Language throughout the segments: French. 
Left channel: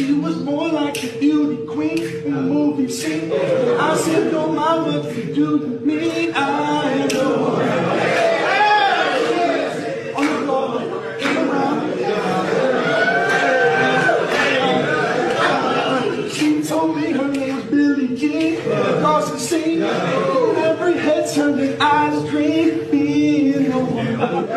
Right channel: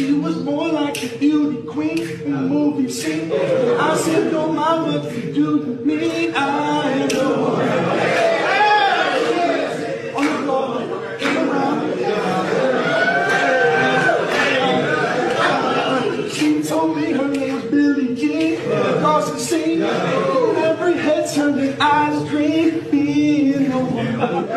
She was more like a beauty queen in the movie scene. I said, no, my what you do to me, I am the one. On the floor, around. She told me her name was Billie Jean. Across the scene, every head turned and eyes dream being the one.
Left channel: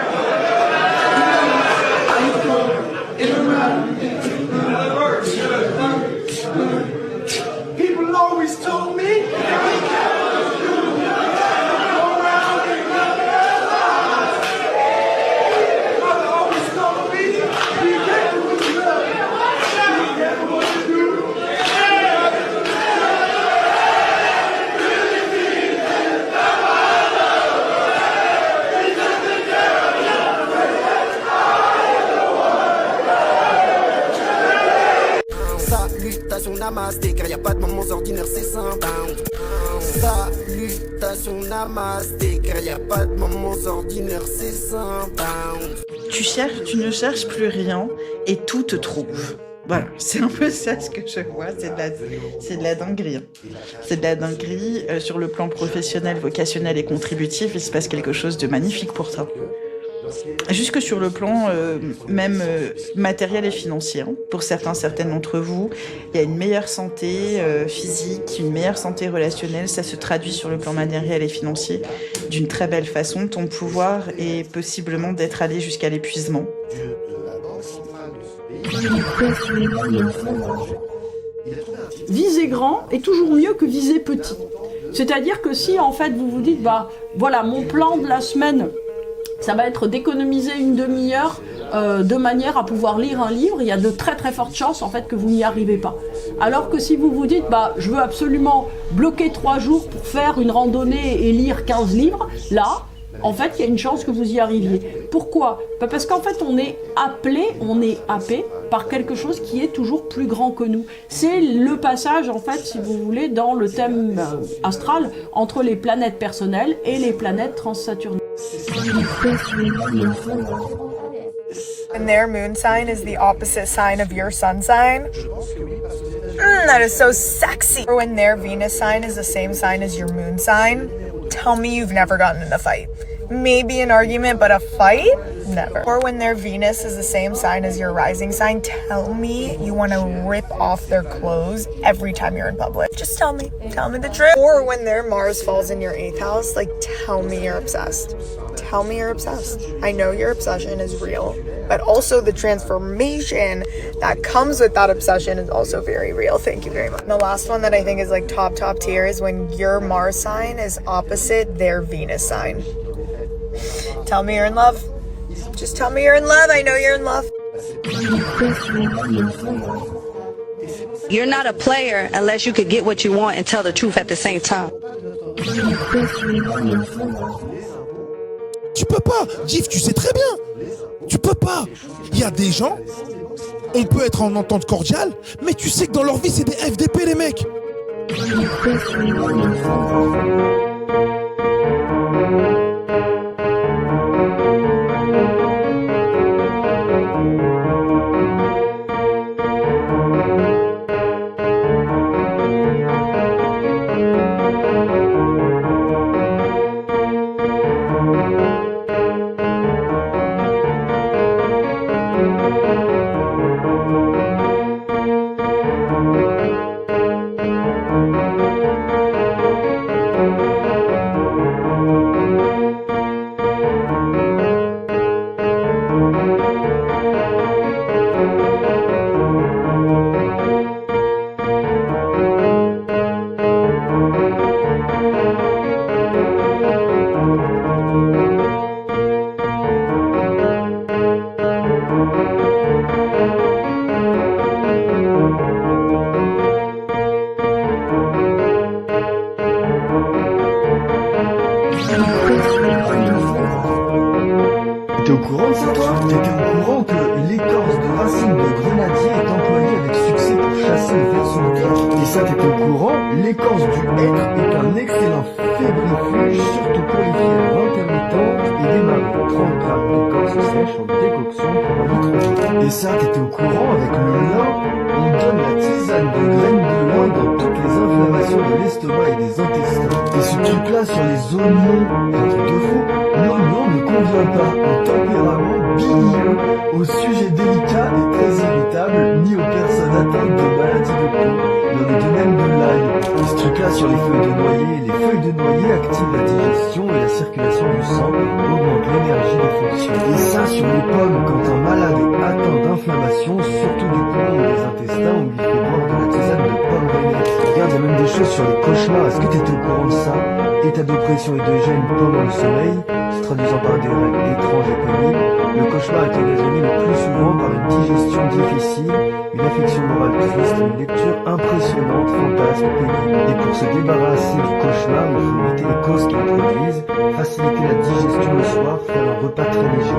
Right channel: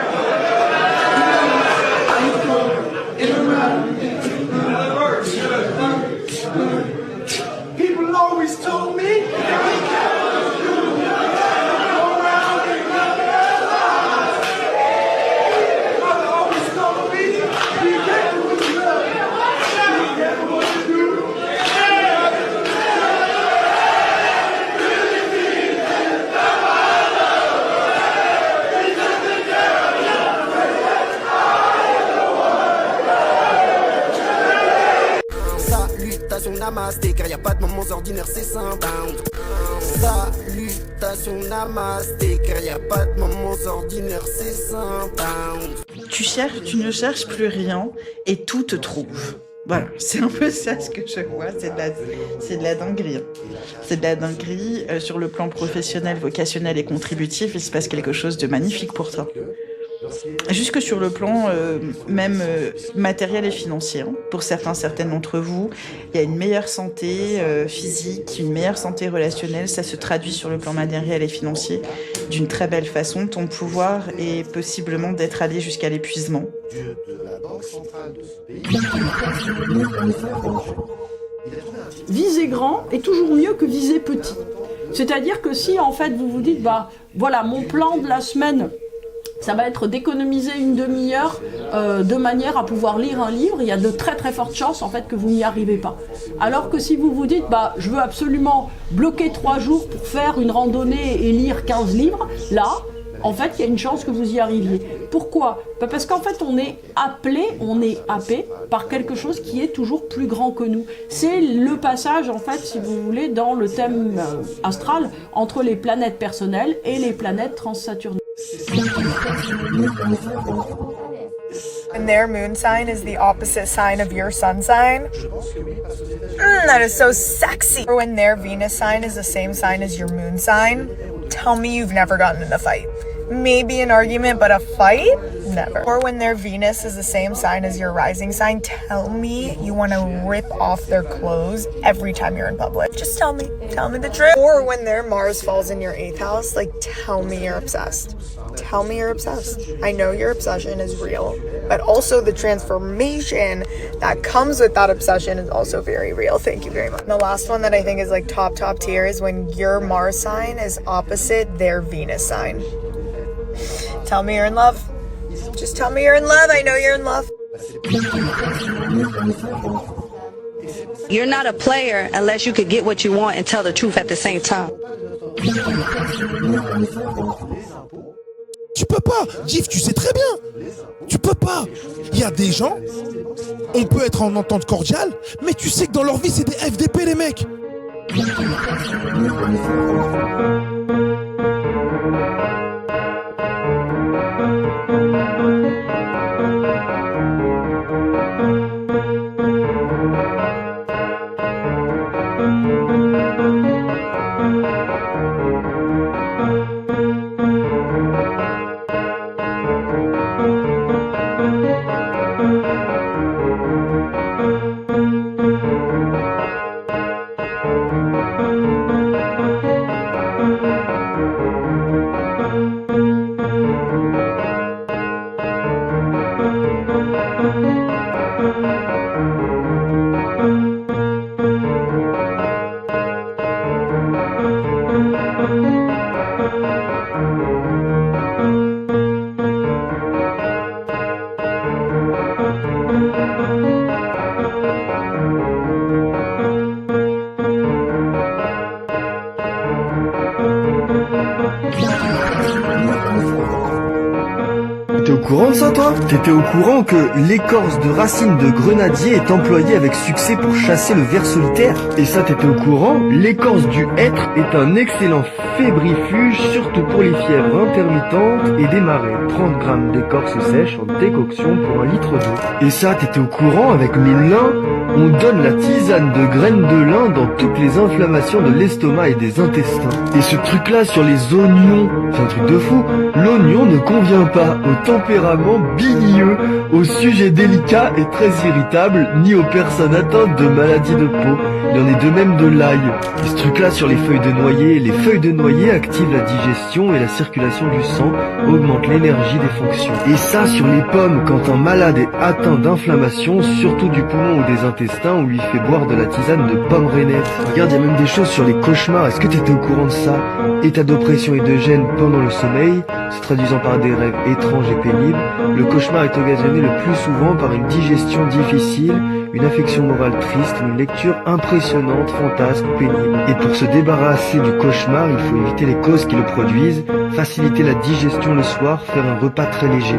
People always told me Namasté, car y a pas de moments ordinaires, c'est simple. Salutations namasté, car y a pas de moments ordinaires, c'est simple. Tu ne cherches plus rien et tout te trouve. Voilà, c'est un peu ça ce que je vois, c'est de la dinguerie. C'est de la dinguerie sur le plan professionnel, vocationnel et contributif, il se passe quelque chose de magnifique pour toi. Jusque sur le plan même matériel et financier. Hein. Pour certaines d'entre vous, il y a une meilleure santé physique, une meilleure santé relationnelle. Ça se traduit sur le plan matériel et financier d'une très belle façon. Ton pouvoir est possiblement d'être allé jusqu'à l'épuisement. Viser grand est toujours mieux que viser petit. C'est-à-dire que si en fait vous vous dites, bah voilà, mon plan de la semaine, ça va être d'économiser une demi-heure de manière à pouvoir lire un livre. Il y a de très très fortes chances en fait que vous n'y arrivez pas. Alors que si vous vous dites, bah je veux absolument bloquer 3 jours pour faire une randonnée et lire 15 livres, là, en fait, il y a une chance que vous y arriviez. Pourquoi ? Parce qu'en fait, on est happé par quelque chose qui est toujours plus grand que nous. C'est le passage, en fait, si vous voulez, dans le thème astral, entre les planètes personnelles et les planètes transsaturniennes. When their moon sign is the opposite sign of your sun sign. That is so sexy. Or when their Venus sign is the same sign as your moon sign. Tell me you've never gotten in a fight. Maybe an argument, but a fight? Never. Or when their Venus is the same sign as your rising sign, tell me you want to rip off their clothes every time you're in public. Just tell me the truth. Or when their Mars falls in your 8th house, like tell me you're obsessed. Tell me you're obsessed. I know your obsession is real, but also the transformation that comes with that obsession is also very real. Thank you very much. And the last one that I think is like top tier is when your Mars sign is opposite their Venus sign. Tell me you're in love. Just tell me you're in love. I know you're in love. You're not a player unless you could get what you want and tell the truth at the same time. Tu peux pas, Gif, tu sais très bien. Tu peux pas. Il y a des gens, on peut être en entente cordiale, mais tu sais que dans leur vie, c'est des FDP, les mecs. T'es au courant de ça, toi? T'étais au courant que l'écorce de racine de grenadier est employée avec succès pour chasser le ver solitaire? Et ça, t'étais au courant? L'écorce du hêtre est un excellent fébrifuge, surtout pour les fièvres intermittentes et des marées. 30 grammes d'écorce sèche en décoction pour 1 litre d'eau. Et ça, t'étais au courant avec le lin? On donne la tisane de graines de lin dans toutes les inflammations de l'estomac et des intestins. Et ce truc-là sur les oignons, c'est un truc de fou. L'oignon ne convient pas au tempérament bilieux, aux sujets délicats et très irritables, ni aux personnes atteintes de maladies de peau. Il y en est de même de l'ail. Et ce truc-là sur les feuilles de noyer activent la digestion et la circulation du sang, augmentent l'énergie des fonctions. Et ça sur les pommes, quand un malade est atteint d'inflammation, surtout du poumon ou des intestins, on lui fait boire de la tisane de pomme rainette. Regarde, il y a même des choses sur les cauchemars. Est-ce que tu étais au courant de ça? État d'oppression et de gêne pendant le sommeil, se traduisant par des rêves étranges et pénibles. Le cauchemar est occasionné le plus souvent par une digestion difficile, une affection morale triste ou une lecture impressionnante, fantasque ou pénible. Et pour se débarrasser du cauchemar, il faut éviter les causes qui le produisent, faciliter la digestion le soir, faire un repas très léger.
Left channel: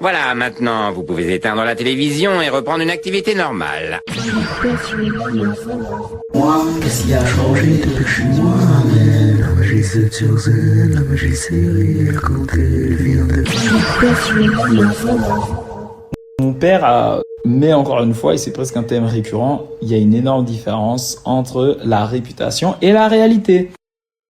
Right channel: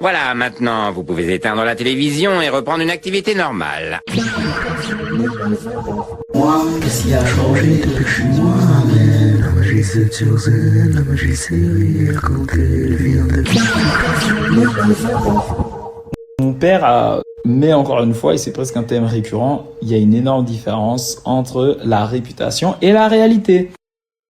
Voilà, maintenant, vous pouvez éteindre la télévision et reprendre une activité normale. Moi, qu'est-ce qui a changé depuis que je suis moi-même? La magie c'est sur scène, la magie c'est rire quand elle vient de... Mon père a... Mais encore une fois, et c'est presque un thème récurrent, il y a une énorme différence entre la réputation et la réalité.